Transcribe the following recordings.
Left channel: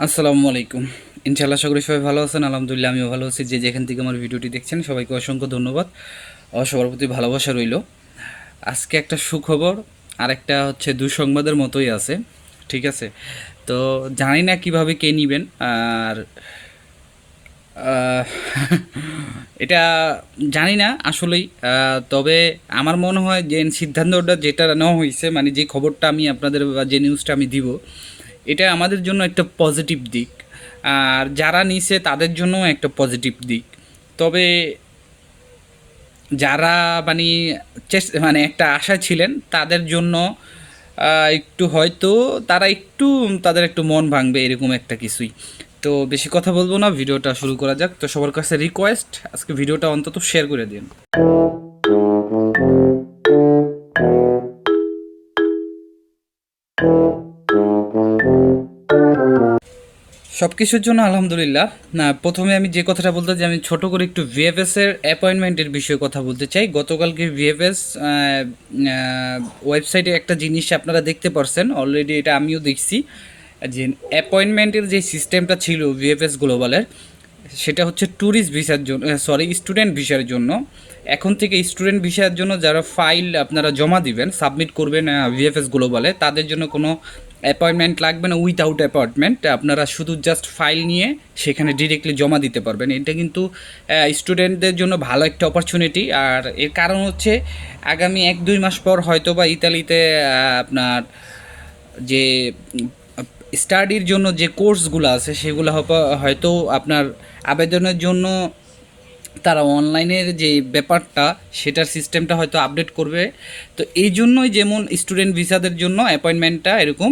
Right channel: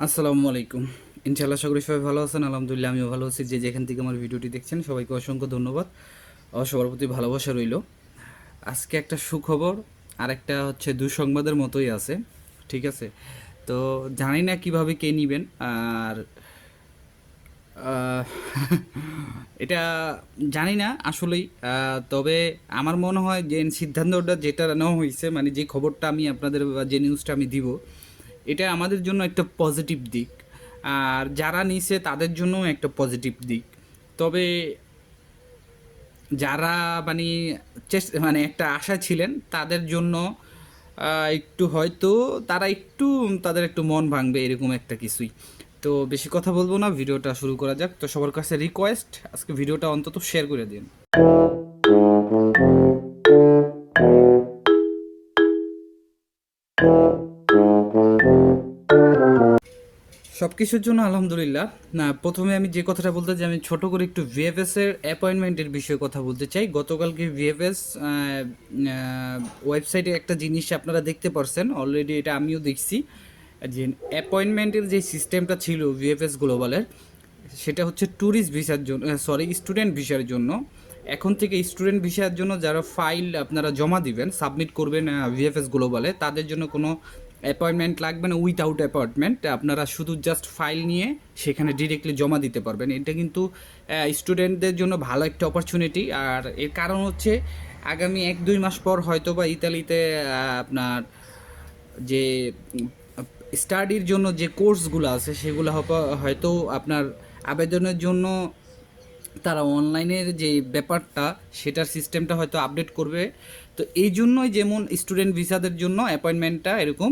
আসসালামু আলাইকুম। ইনশাআল্লাহ আশা করি সবাই ভালো আছেন। আলহামদুলিল্লাহ আমিও ভালো আছি। যে যেখান থেকে আমার ভিডিওটি দেখছেন সবাইকে অসংখ্য ধন্যবাদ। সবার প্রতি ভালোবাসা রইল। আজকে একটা সুখবর আর একটা হচ্ছে দুঃসংবাদের মতোই আছে। ঠিক আছে? তো জানি না কিভাবে কে নিবেন। আর আহ, এটা জানি না আসলেই। তবে আমার মনে হয় যে সিদ্ধান্তটা যেটা নেওয়া হয়েছে, মানে যে খবরটা আমি আপনাদের বা যে নিউজটা আমি দিব, এটা আমাদের জন্য একটা পজিটিভ দিক। আর যারা নিছে তাদের জন্য একটা পজিটিভ দিক। তবে যারা মানে মানে একটা আশা ছিলেন তাদের জন্য একটু হয়তো তারা একটু তাদের একটু মন ভাঙবে এরকম একটা কিছুই। তো বেশি কথা বলবো না, ভিডিওটা শুরু করা যাক। তো সবার কাছে রিকোয়েস্ট, আজকে ভিডিওটা অন্তত শেয়ার করে দিন। সব কিছুর জন্য আলহামদুলিল্লাহ। না, প্রথমে আমি যে কথাটা বলতে চাই, আমি ছোট করে একটু ভিএফএস এর অ্যাপয়েন্টমেন্টের বিষয়ে কথা বলতে চাই। গতকালকে ভিএফএস ওয়েবসাইটে একটা জিনিস আপনারা দেখতে পারছেন অলরেডি, এটা আমিও দেখছি, যে অ্যাপয়েন্টমেন্টের যে সিস্টেমটা ছিল ভিএফএস গ্লোবালের, সেটা হচ্ছে ট্যুরিস্ট ভিসার জন্য, সরি স্টুডেন্ট ভিসার জন্য। এখন থেকে স্টুডেন্ট ভিসার জন্য যারা ফাইল আপনারা জমা দিবেন, সাবমিট করবেন ভিএফএস গ্লোবালে, তাদের জন্য কোনো অ্যাপয়েন্টমেন্ট লাগবে না। উইথাউট অ্যাপয়েন্টমেন্ট আপনারা শুধু জাস্ট ফাইল নিয়ে সেখানে ডিরেক্টলি জমা দিতে পারবেন। এটা কিন্তু স্টুডেন্টদের জন্য ভালো একটা অপরচুনিটি। আর এর কারণ হচ্ছে আগামী 1-2 মাস পর হয়তো বা ইতালিতে আপনার যে স্টাডির জন্য যে কোর্সগুলো আছে সেগুলো হয়তো আপনার আবেদনের জন্য তারা অনলাইনের যে ব্যাপারটা, সেটার সিস্টেমটা হয়তো আপডেট করবে। তো এই জন্যই যেমন স্টুডেন্ট ভিসাদের জন্য অ্যাপয়েন্টমেন্টটা এরকম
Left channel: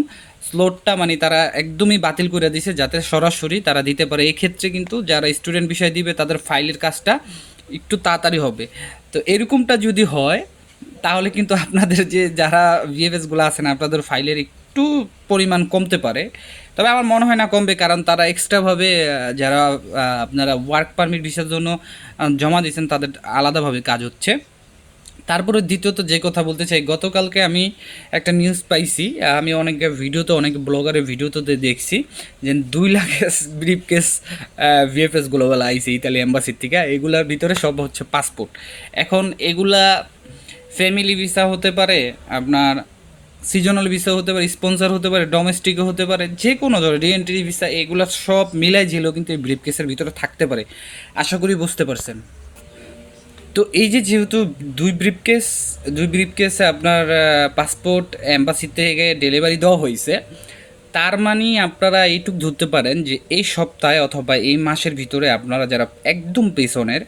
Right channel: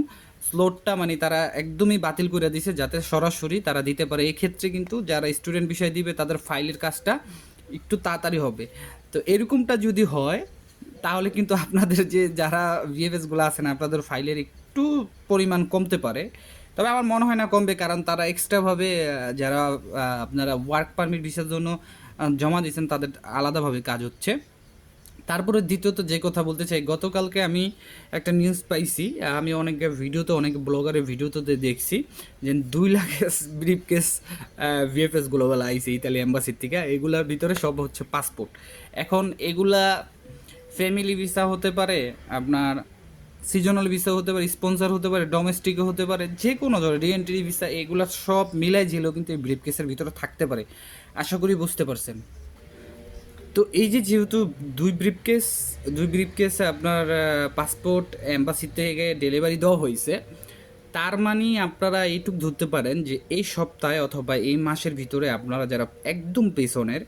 স্লটটা মানে তারা একদমই বাতিল করে দিছে, যাতে সরাসরি তারা দিতে পারে। এই ক্ষেত্রে কিন্তু যারা স্টুডেন্ট বিষয় দিবে তাদের ফাইলের কাজটা একটু তাড়াতাড়ি হবে। তো এরকমটা যদি হয় তাহলে কিন্তু আপনাদের যে যারা ভিএফএসগুলো আছেন আপনাদের ফাইলের একটু পরিমাণ কমতে পারে। তবে আমার মনে হয় না কমবে, কারণ তারা এক্সট্রাভাবে যারা আপনারা ওয়ার্ক পারমিট ভিসার জন্য জমা দিয়েছেন তাদের আলাদাভাবে কাজ হচ্ছে। তারপরে দ্বিতীয়ত যে কথা বলতে চাই, গতকালকে আমি একটা নিউজ পাইছি, আমি অনেক ভিডিওতে, অনেক ব্লগারের ভিডিওতে দেখছি যে 2 lakh brief case VFS Global IC ইতালি এম্বাসির থেকে। এগুলার ভিতরে সব হচ্ছে পাসপোর্ট। এখন এগুলা ফ্যামিলি ভিসা হতে পারে, আপনার সিজনাল ভিসা হতে পারে, স্পন্সর হতে পারে, ডোমেস্টিকও হতে পারে, যে কোনো ধরনের রিএন্ট্রি ভিসা, এগুলো সব মিলাই ঝিলেও কিন্তু এই ব্রিফ কেসের ভিতরে থাকতে পারে। আশা করি বুঝতে পারছেন। তো এই যে যেহেতু দুই ব্রিফকেসে আপনার পাসপোর্ট এম্বাসি থেকে ডেলিভারি দেওয়া হয়েছে, তার মানে আপনারা এইটুক ধরতে পারেন যে এই সপ্তাহে অথবা এই মাসের ভিতরে আপনারা যারা একদম পেছনের,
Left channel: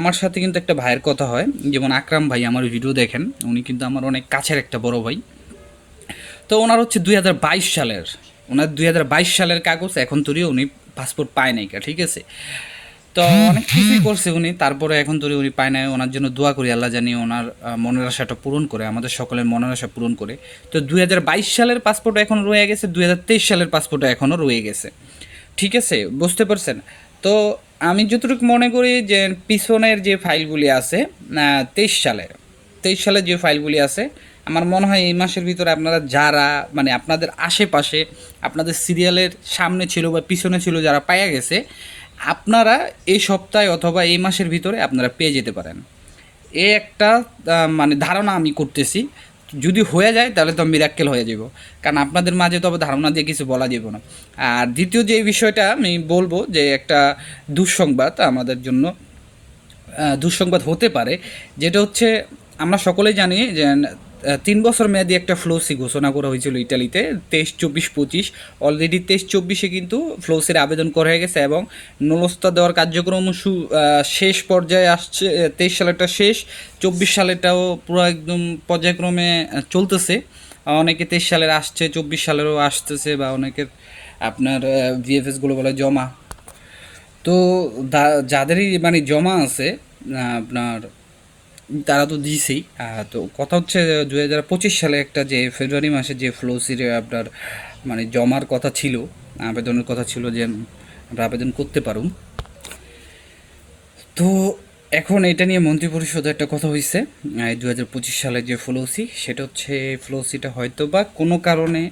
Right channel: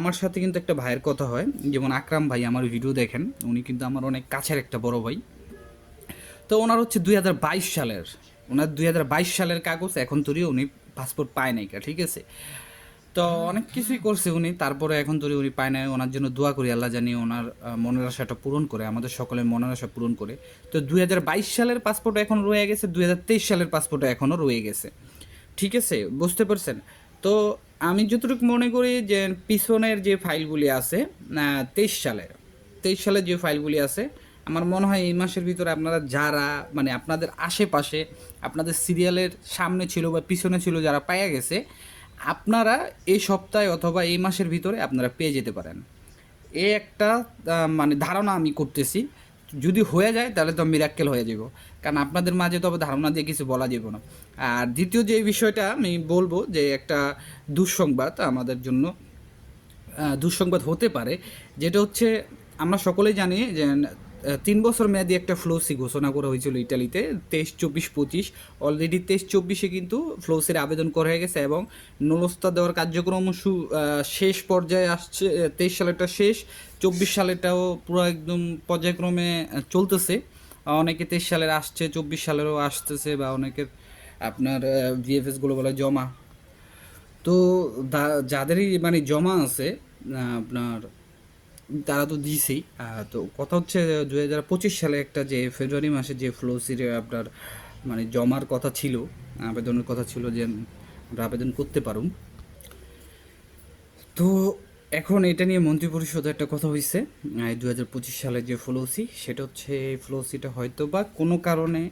আমার সাথে কিন্তু একটা ভাইয়ের কথা হয়, যেমন আকরাম ভাই আমার ভিডিও দেখেন, উনি কিন্তু আমার অনেক কাছের একটা বড় ভাই। তো ওনার হচ্ছে 2022 সালের, ওনার 2022 সালের কাগজ এখন তৈরি, উনি পাসপোর্ট পায় নাই, ঠিক আছে? তো অনেক কিছুই করছে উনি, তারপরে এখন তো উনি পায় নাই। ওনার জন্য দোয়া করি, আল্লাহ জানি ওনার মনের আশাটা পূরণ করে, আমাদের সকলের মনের আশা পূরণ করে। তো 2022 সালের পাসপোর্ট এখন রয়ে গেছে, 2023 সালের পাসপোর্ট এখনও রয়ে গেছে। ঠিক আছে, বুঝতে পারছেন? তো আমি যতটুকু মনে করি যে পিছনের যে ফাইলগুলি আছে, 23 সালের যে ফাইলগুলি আছে, আমার মনে হয় এই মাসের ভিতরে আপনারা যারা মানে আপনাদের আশেপাশে, আপনাদের সিরিয়ালের সামনে ছিল বা পিছনে ছিল, যারা পাওয়া গেছে, আপনারা এই সপ্তাহে অথবা এই মাসের ভিতরে আপনারা পেয়ে যেতে পারেন। এ একটা মানে ধারণা আমি করতেছি। যদি হয়ে যায় তাহলে তো মিরাক্কেল হয়ে যাব, কারণ আপনাদের মাঝে তো আবার ধারণা দিয়ে কিছু বলা যাব না। আর দ্বিতীয় যে বিষয়টা আমি বলবো, যে একটা দুঃসংবাদ আমাদের জন্য, দুঃসংবাদ হতে পারে, যেটা হচ্ছে আমরা সকলেই জানি যে 3 বছর মেয়াদি একটা ফ্লোসি ঘোষণা করা হয়েছিল ইটালিতে, 23-24-25। অলরেডি 23-24-এ কিন্তু ফ্লোসির আবেদন করা হয়ে গেছে এবং নুলস্তা দেওয়ার কার্যক্রম শেষ পর্যায়ে আসছে। 23 সালেরটা শেষ, 24 সালেরটাও পুরো একদম পর্যায়ক্রমে চলতেছে। অনেকে 23 সালের আসছে, 24 সালেরও আসতেছে, বা অনেকের আপনার ভিএফএসগুলো বলে জমা। তো যাদেরই মানে জমা আছে আপনার, তারা তো দিছেই। তো কথা হচ্ছে 2025 সালে একটা যে ফেব্রুয়ারি মাসে যে ফ্লোসির আপনার মানে জমার কথা ছিল, আবেদনের কথা ছিল যে আমরা আবেদন করতে পারুম। তো এখন এটা নিয়ে মন্ত্রিপরিষদে একটা কথা হয়েছে, 2025 সালে যে ফ্লোসি, সেটা হচ্ছে ফ্লোসিটা হয়তো বা কোনো কারণে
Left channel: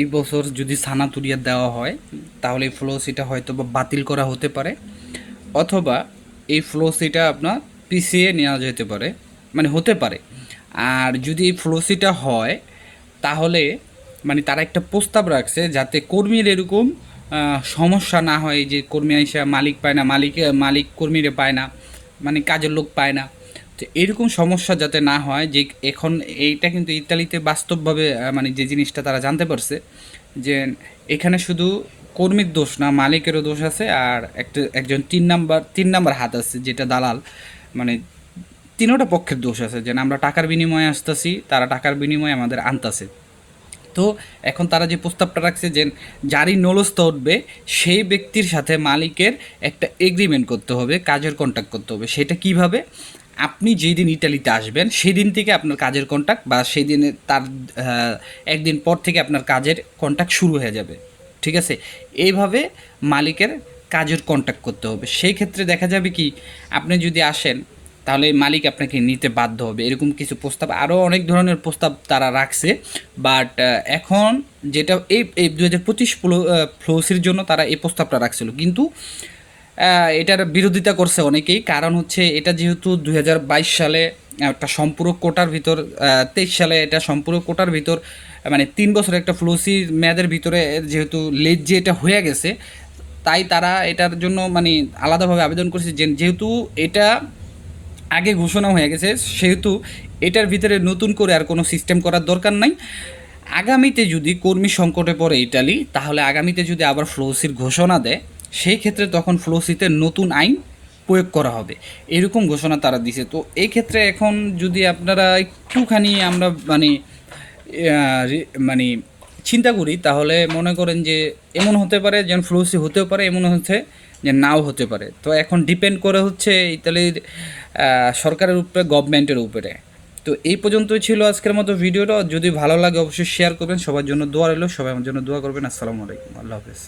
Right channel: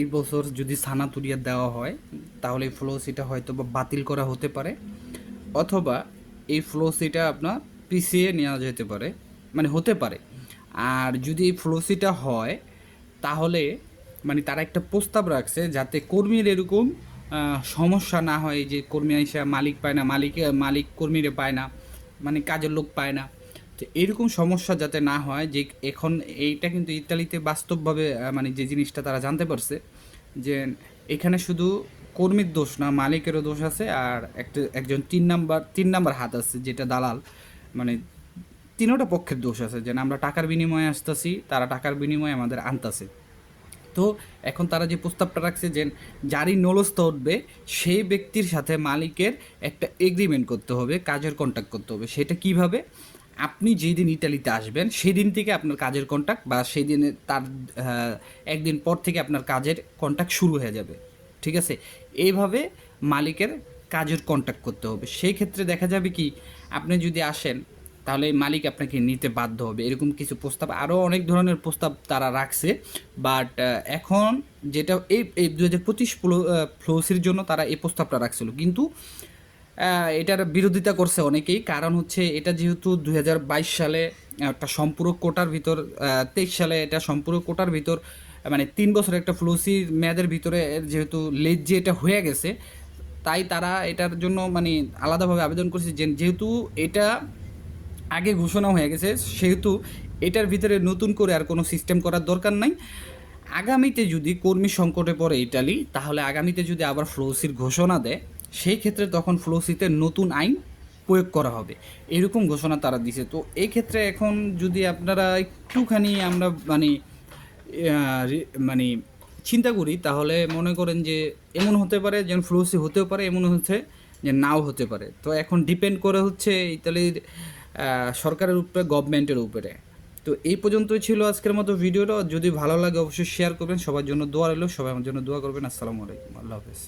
এই বছর যদি সানাতুরিয়া দেওয়া হয় তাহলে এই ফ্লোসিটা হয়তো বা বাতিল করা হতে পারে, অথবা এই ফ্লোসিটা আপনার পিছিয়ে নেওয়া যেতে পারে, মানে হতে পারে। আর যদি এই ফ্লোসিটা হয় তাহলে মানে তারা একটা প্রস্তাব রাখছে যাতে কর্মীর এরকম সমস্যা না হয়, যে কর্মী এসে মালিক পায় না, মালিক কর্মীরে পায় না, মানে কাজের লোক পায় না। তো এরকম সমস্যা যাতে না হয়, যে এখন এইটা কিন্তু ইতালিতে বাস্তবভাবে মানে যে জিনিসটা তারা জানতে পারছে যে এখানে শুধু কর্মীর দোষ না, মালিকেরও দোষ আছে, আর একজন তিন নাম্বার হাত আছে যেটা দালাল, মানে তিনোটা পক্ষের দোষ আছে, যে আমরা টাকার বিনিময়ে আসতেছি, তারা টাকার বিনিময়ে আমাদের আনতাছে। তো এখন তারা যে প্রস্তাবটা রাখছে যে যারই নলস্ত উঠবে সেই ব্যক্তির সাথে মালিকের একটা এগ্রিমেন্ট করতে হবে, কাজের কন্ট্যাক্ট করতে হবে। সেটা কিভাবে? আপনি যেই দিন ইটালিতে আসবেন সেই দিন থেকে আপনার কাজের কন্ট্যাক্ট, বা সেই দিনে তার একদিন পর থেকে আপনার কাজের কন্ট্যাক্ট শুরু হয়ে যাবে, ঠিক আছে? এইভাবে মালিকের কাজের কন্ট্যাক্ট করতে হবে। সেই ক্ষেত্রে দেখা যাবে কি, আপনি যদি আসেন তাহলে মালিক আপনাকে নিতে বাধ্য হবে, এরকম কিছু প্রস্তাব, আরও অনেক ধরনের প্রস্তাব তারা রাখছে। বাট এখন যেটা এই 2025 ফ্লোসির জন্য তারা এই প্রস্তাবটা রাখছিল, কিন্তু এটার বিরোধিতা করছে অনেকেই। কারণ হচ্ছে এটা যেহেতু 2022 সালে একটা সম্পূরক কোটার ভিতর, 23 সালে এটা সম্পূরক কোটার ভিতর, মানে 3 বছর একটা ফ্লোসির মেয়াদের ভিতরে যেহেতু লেট যে এটা হয়ে গেছে, তাই তারা এটার জন্য মানে আলাদাভাবে আবেদন করছে, যেহেতু এটা আগে ঘোষণা হয়ে গেছে, সেহেতু এটার ভিতরে নতুন করে আর কোনো সিস্টেম করার দরকার নাই। আগামীতে যদি কর্মী সংকটে পড়ে ইটালি, তাহলে আগামীতে যদি আবার ফ্লোসির ঘোষণা দেয়, সেই ক্ষেত্রে তখন ফ্লোসিতে নতুন আইন প্রয়োগ করা হবে, এরকম ঘোষণা তারা দিছে। তো এই ক্ষেত্রে এখন যদি আপনারা একটুখানি আমরা মানে মানে চিন্তা করি, তাহলে মনে করেন যে এমন হতে পারে যেন ফ্লোসি হতেও পারে, এমন হচ্ছে যে নাও হতে পারে। তো এখন ডিপেন্ড করে হচ্ছে ইতালির সরকারের উপরে, গভর্নমেন্টের উপরে। তো এই পর্যন্তই ছিল আজকের মতো ভিডিওটা। যদি ভালো লাগে অবশ্যই শেয়ার করবেন, সবার জন্য দোয়া রইল, সবাই আমার জন্য দোয়া করবেন। আসসালামু আলাইকুম, আল্লাহ হাফেজ।